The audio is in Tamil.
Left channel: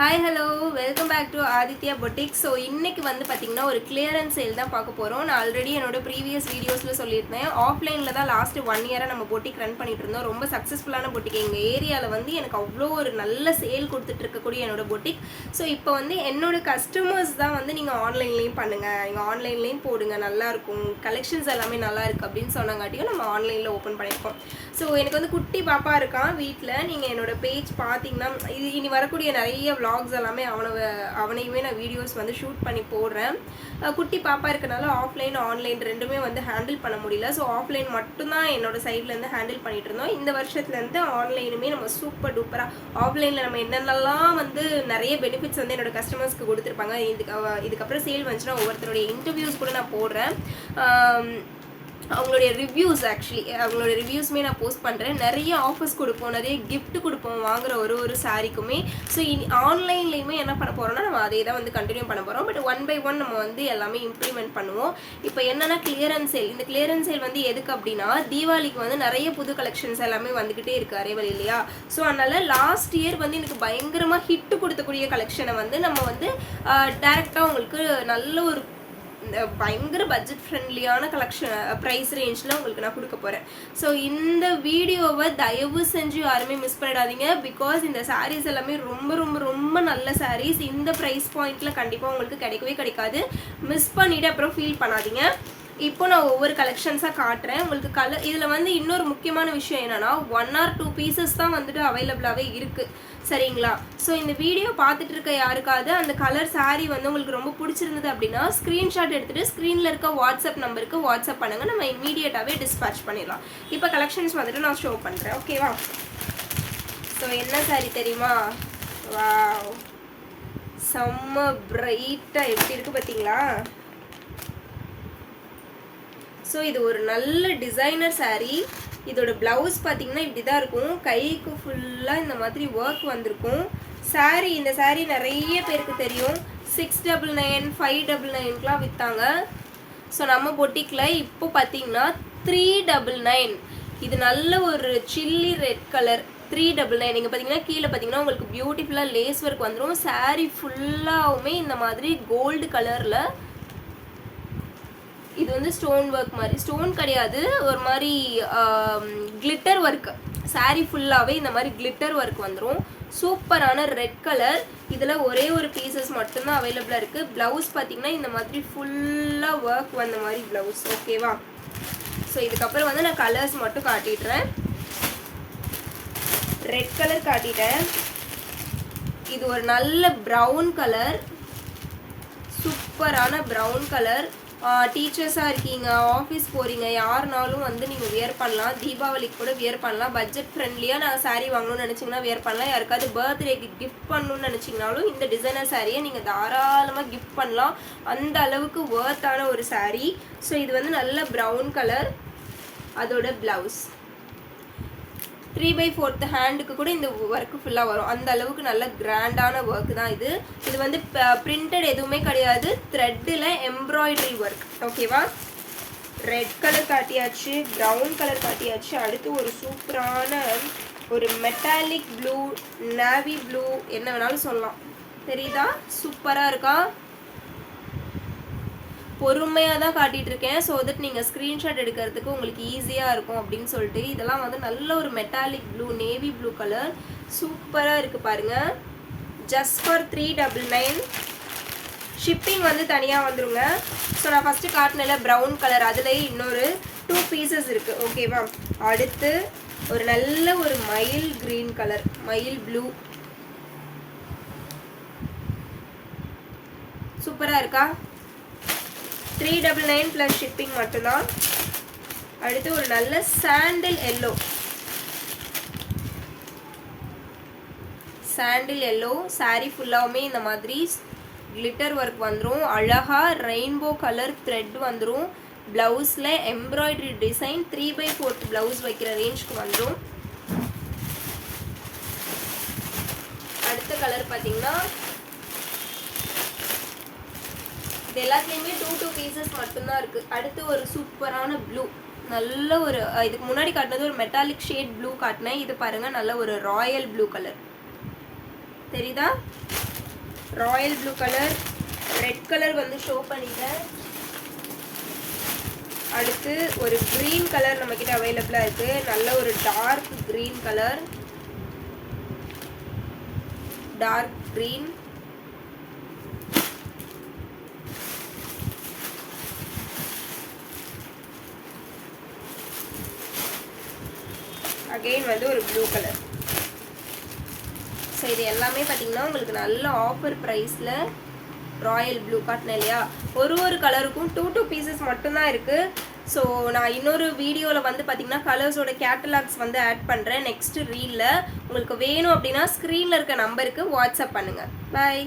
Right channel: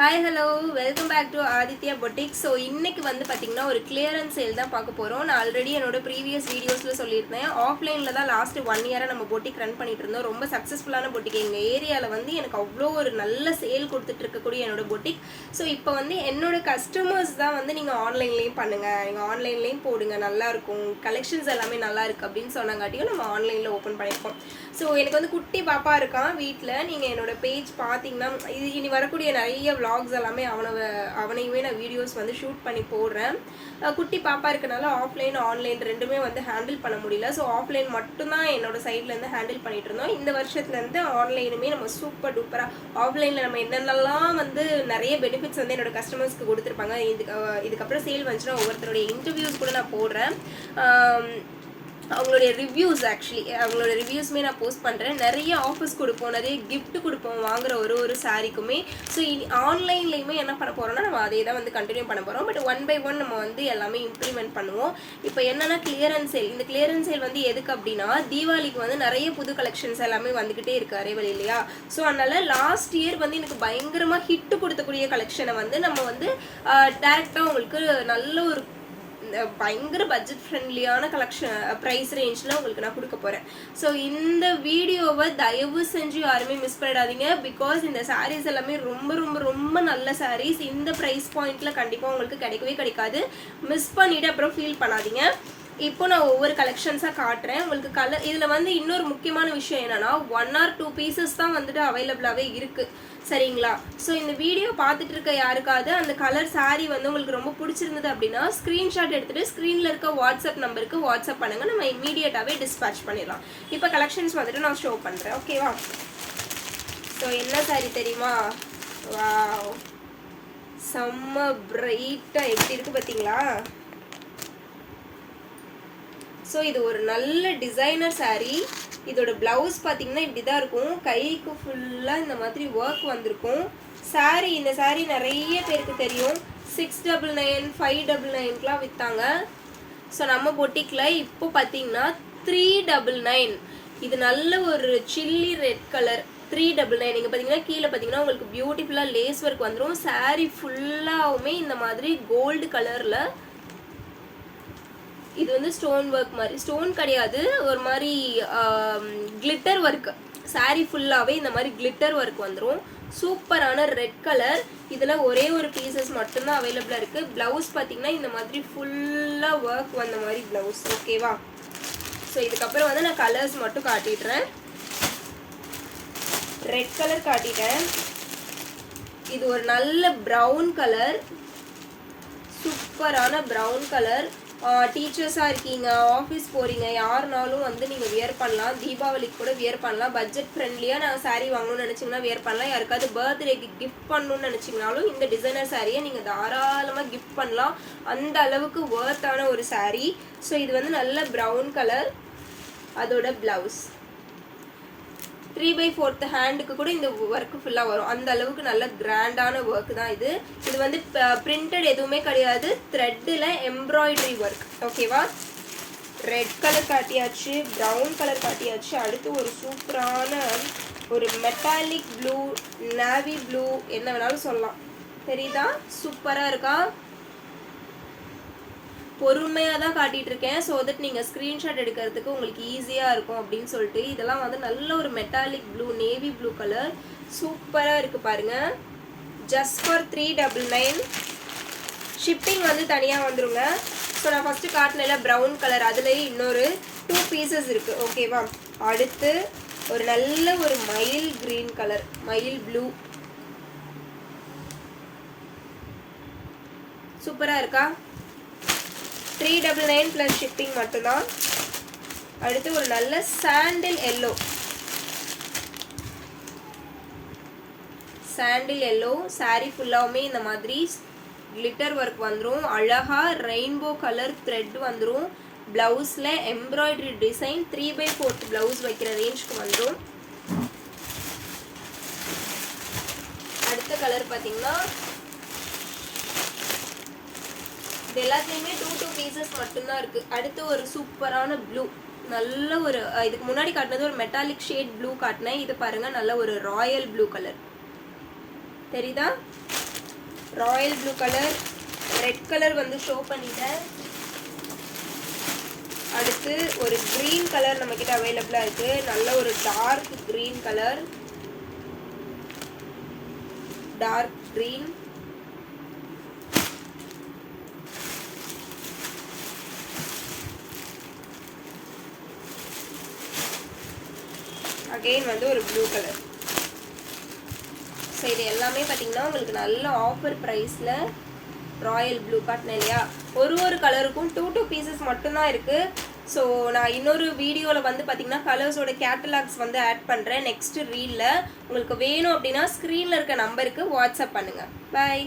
Hi hello welcome back to Aditya boutique. So இன்றைக்கி வந்து பார்த்திங்கன்னா ஒரு கிளியரன்ஸ் சேல் தான் பார்க்க போகிறோம். நான் ஆல்ரெடி என்னோட ப்ரீவியஸ் வீடியோஸில் சொல்லியிருந்தேன். ஆஃப்லைனில் தான் லாஸ்ட்டு 1 இயராக நம்ம பொட்டிக் ரன் பண்ணிட்டு இருந்தோம். ரொம்ப சக்ஸஸ்ஃபுல்லான பொட்டிக். எங்கள் ஏரியாவில் வந்து எனக்கு அவ்வளோ ஒரு நல்ல சேல் கொடுத்துட்டு இருக்கக்கூடிய என்னோட பொட்டிக். ஸோ இப்போ வந்து என்னோட கஸ்டமர்ஸ் தான் வந்து நீங்கள் ஆன்லைன்லேயும் பண்ணுங்கள், நீங்கள் ஆன்லைன்லேயும் போடுங்க, நல்லாயிருக்கும், கலெக்ஷன்ஸ் எல்லாமே நல்லா இருக்குது அப்படின்னு சொன்னாங்காட்டியும் நம்ம ஆன்லைனில் ஓப்பன் பண்ணியிருக்கோம். ஸோ எனக்கு வந்து குட்டி பாப்பா இருக்கான் வீட்டில். நீங்கள் என்னோட பேஜ் பார்த்தீங்கன்னா இது இனி வரக்கூடிய நிறைய vlogs எல்லாமே அவனையுமே நான் வீடியோஸ் வந்து ஷூட் பண்ணி போடுறேன். குட்டி பாப்பா இருக்கனால ஆஃப்லைன் ஆன்லைன் ரெண்டுமே வந்து ஹேண்டில் பண்ண முடியல. ஸோ ஆஃப்லைன் மட்டும்தான் என்னோட சைட்லேருந்து ஹேண்டில் பண்ணிட்டு இருந்தோம். இந்த வருஷத்துலேருந்து ஆன்லைனுமே நம்ம சூப்பர் டூப்பராக ஆஃப்லைனில் நம்ம என்னென்னலாம் வந்து நிறைய பெனிஃபிட்ஸ் வந்து என்னோட கஸ்டமர்ஸ்க்கு கொடுத்துருப்பாங்க. இதுக்கப்புறம் சேல் வந்துச்சுன்னா ஒவ்வொருத்தருடைய இன்டர்வியூஸ் கூட நான் போடுறேன். அவங்களுடைய ரிவ்யூஸ் அவங்களோட ரிவ்யூஸுமே நான் போஸ்ட் பண்ணுறேன். நிறைய ஆஃபர்ஸ் கொடுப்போம், நிறைய கிஃப்ட் கொடுப்போம் வாங்குற ஒரு சாரிக்குமே. ஸோ ஆன்லைன்லேயுமே என்ன பண்ண போகிறோம்னா நம்ம அதே தான் வந்து கண்டினியூ பண்ண போகிறோம். பட் 1 by 1 நம்ம வந்து எல்லாமே இம்ப்ளிமெண்ட் பண்ணுவோம். இப்போ என்னென்னா கிளியரன்ஸ் சேல். இந்த கிளியரன்ஸ் சேல் வந்து எதுக்கு அப்படின்னா தீபாவளிக்கு வந்து நிறைய புது கலெக்ஷன்ஸ் எல்லாமே வந்துக்கிட்டே இருக்குது அரைவல் இல்லையா. ஸோ அதனால் லாஸ்ட் இயர் வந்து எனக்கு பயங்கரமாக ஹிட்டு கொடுத்தக்கூடிய கலெக்ஷனை வந்து நம்ம வந்து டேரெக்டாக உங்களுக்கு நல்ல ஒரு பயங்கர பட்ஜெட் ஃப்ரெண்ட்லியான கலெக்ஷன் ப்ரைஸ் ரேஞ்சில் உங்களுக்கு நான் கொடுக்க போகிறேன். ஸோ இந்த வீடியோவை தயவு செஞ்சு யாருமே மிஸ் பண்ணிடாதீங்க. பிகாஸ் இந்த சாரீஸ் எல்லாமே ரொம்ப ரொம்ப ரொம்ப நல்ல சாரீஸ். இந்த ப்ரைஸ் பாயிண்ட்டில் கண்டிப்பாக உங்களுக்கு கிடைக்கவே கிடைக்காது. மிஸ் பண்ணிவிட்டு அப்புறம் ஃபீல் பண்ணாதீங்க. இப்போ நான் ஒவ்வொரு கலெக்ஷன்ஸாக காட்டுறேன் உங்களுக்கு. இதில் வந்து இன்னொரு முக்கியமான விஷயம் என்னென்னா 1 or 2 பீசஸ் தான் வந்துட்டு அவைலபிளாகவே இருக்குது, சரிங்களா. ஸோ இந்த வீடியோ பார்த்துட்டு இருக்க யாருக்காவது அந்த கலர் சாரீ வந்து உங்களுக்கு ரொம்ப பிடிச்சிருந்தது அப்படின்னா ஸ்க்ரீன்ஷாட் எடுத்துகிட்டு ஸ்க்ரீனில் இருக்க வாட்ஸ்அப் நம்பருக்கு வாட்ஸ்அப் பண்ணுங்கள். நம்ம இமீடியட்டாகவே டிஸ்பேச் பண்ணிடலாம். இப்போ கலெக்ஷன்ஸ் வந்துட்டு நான் ஷோ பண்ணுறேன், ஓகேவா. ஸோ என்ன சாரீ தெரியுமா? வாவ், செம்ம பிரைட்டாக எப்படி இருக்குது பார்த்தீங்களா. ஸோ இது ஒரு நல்ல டிசைனர் சாரீ. இதோட ப்ளவுஸ் பார்த்தீங்கன்னா இப்படி தான் இருக்கும். கைக்கு ஃபுல்லாக இந்த மாதிரி ஒர்க் வந்திருக்கும். சாரீ இந்த சாரீ நிறைய பேருக்கு தெரியும். 699 599க்குலாம் விற்றாங்க. ஸோ நம்ம பொட்டிக்கில் இப்போ பார்த்தீங்கன்னா 399. இது நல்ல ஒரு சில்லி ரெட் கலர் 399. நீங்கள் பார்த்தீங்கன்னா கீழே பார்த்தீங்கன்னா உங்களுக்கு பியூட்டிஃபுல்லாக லேஸ் ஒர்க் வந்துடும். சாரீ ஃபுல்லாகவுமே இந்த மாதிரி கோல்டு கலரில். இது வந்து ஸ்டோன் ஒர்க் மாதிரி, ஸ்டோன் கிடையாது, ஒரு மாதிரி கிளிட்டர் ஒர்க். சாரீ ஃபுல்லாகவே இந்த மாதிரி கிளிட்டர் ஒர்க் வந்துடும். சூப்பரான ரெட் கலர். இதில் ஒரே ஒரு பீசஸ் மட்டும்தான் அவைலபிளாக இருக்குது. ப்ளவுஸ் பார்த்தீங்கன்னா இந்த மாதிரி ஃபுல்லாக ஒர்க் வந்த மாதிரி ப்ளவுஸ், ஓகேவா. ஸோ இதுக்கப்புறம் வந்து நான் கலர்ஸ் மட்டும் காட்டிடுறேன். Red colour காட்டிட்டேன். இது ஒரு நல்ல ப்ரௌன் கலர், சூப்பரான ப்ரௌன் கலர். டீச்சர்ஸாக இருக்கீங்க, ஆஃபீஸ் போகிறீங்க, யாருனாலும் வந்து நீங்கள் வியர் பண்ணலாம். தீபாவளிக்கு கூட வியர் பண்ணலாம். பட்ஜெட் ஃப்ரெண்ட்லியாக நான் சாரீ வாங்கணும்னு நினச்சிங்கன்னா வியர் பண்ணலாம். யாருக்காவது பர்த்டேக்கு கிஃப்ட் பண்ணணும்னு நினச்சிங்கனாலும் இந்த டிசைனர் சாரியை நீங்கள் தாராளமாக கிஃப்ட் பண்ணலாம். அந்த அளவுக்கு ஒர்த்தான ஒரு சாரீ. ஸோ இது வந்து நல்ல ப்ரௌன் கலர். அதோட ப்ளவுஸ் 3/4 ஹேண்டுக்கு கூட இந்த ஒர்க்கு ஃபுல்லாக வரும். அந்த அளவுக்கு நல்ல கிராண்டான ஒர்க் தான் இது. இது வந்து பிரிண்டட் எதுவுமே கிடையாது, த்ரெட்டில் எம்ப்ராய்டரி ஒர்க், ஓகேவா. ரெட் கலர் காட்டியாச்சு, ப்ரௌன் கலர் காட்டியாச்சு. அடுத்து ஒரு சூப்பரான ஒரு மெட்டாலிக் ப்ளூ, நேவி ப்ளூ, என்ன வேணாலும் சொல்லலாம், தெரியுதா. சூப்பராக இருக்கா. பொறுமையாக தான் காட்டிகிட்டு இருக்கேன். ஸோ தட் நீங்கள் ஸ்க்ரீன்ஷாட் எடுக்கிறதுக்கு உங்களுக்கு ஈஸியாக இருக்கும் அப்படின்னு சொல்லிட்டு. இதெல்லாம் வந்து நல்ல ஒரு metallic blue, navy blue colour. சூப்பராக இருக்குது பாருங்கள். Just for 399. ஷிப்பிங் வந்து தனியாக வந்துடுங்க. ஸோ நான் ஃபஸ்ட்டு காட்டினல ப்ரௌன் கலர், அதுலேயே இன்னொரு 2 பீசஸ் இருக்குது, ஓகேவா. அடுத்து ஒரு நல்ல ஒரு மயில் க்ரீன் கலர், மயில் ப்ளூ. சூப்பராக இருக்கா. 399 ப்ளஸ் ஷிப்பிங் மட்டும்தான். அடுத்து ஒரு நல்ல சாண்டில் எல்லோ, சாண்டில் எல்லோ. சாரீ ஃபுல்லாகவுமே இந்த மாதிரி கிளிட்டர் ஒர்க் வந்துடும். அழகாக ரெயின்போ கலர் த்ரெட் வந்துடும். ப்ளவுஸில் எம்ப்ராய்டரி டிசைன் 3/4 ப்ளவுஸ் வைக்கிற ரேஞ்சுக்கு வந்துடும். அடுத்த கலர் பார்த்தீங்கன்னா இது எல்லாத்துலேயுமே 2 பீசஸ் மட்டும்தான் இருக்குது. அடுத்து ஒரு சூப்பரான ப்ளூ, நல்ல ஒரு இதுக்கு முன்னாடி காட்டினது ஒரு மெட்டாலிக் ஷேட் ப்ளூ காட்டினேன். இது பாருங்கள் நல்ல ஒரு ராயல் ப்ளூ கலர், தெரியுதா. Royal blue colour, red colour வந்து ஷோ பண்ணிட்டேன். அடுத்து ஒரு க்ரீன் கலர் நம்மக்கிட்ட அவைலபிளாக இருக்குது. நல்ல ஒரு dark green colour, dark green. Again வந்து ஒரு ப்ளூ கலர். ஸோ இது எல்லாமே பார்த்தீங்கன்னா உங்களுக்கு நல்ல ஆஃபர் ப்ரைஸில் ராயல் ப்ளூ காட்டினேன் இல்லையா. ஒரு கலருக்கும் 2 பீசஸ் மட்டும்தான் இருக்குது. ஸோ நான் இன்னொரு வீடியோவில் வந்து பார்த்தீங்கன்னா கலர்ஸோட கேட்டலாக்ஸ் வந்து ஆட் பண்ணுறேன் நெக்ஸ்ட் ரீலில். உங்களுக்கு வேணும் அப்படின்னா ஸ்க்ரீனில் இருக்க நம்பருக்கு வாட்ஸ்அப் பண்ணுங்கள். பாய்.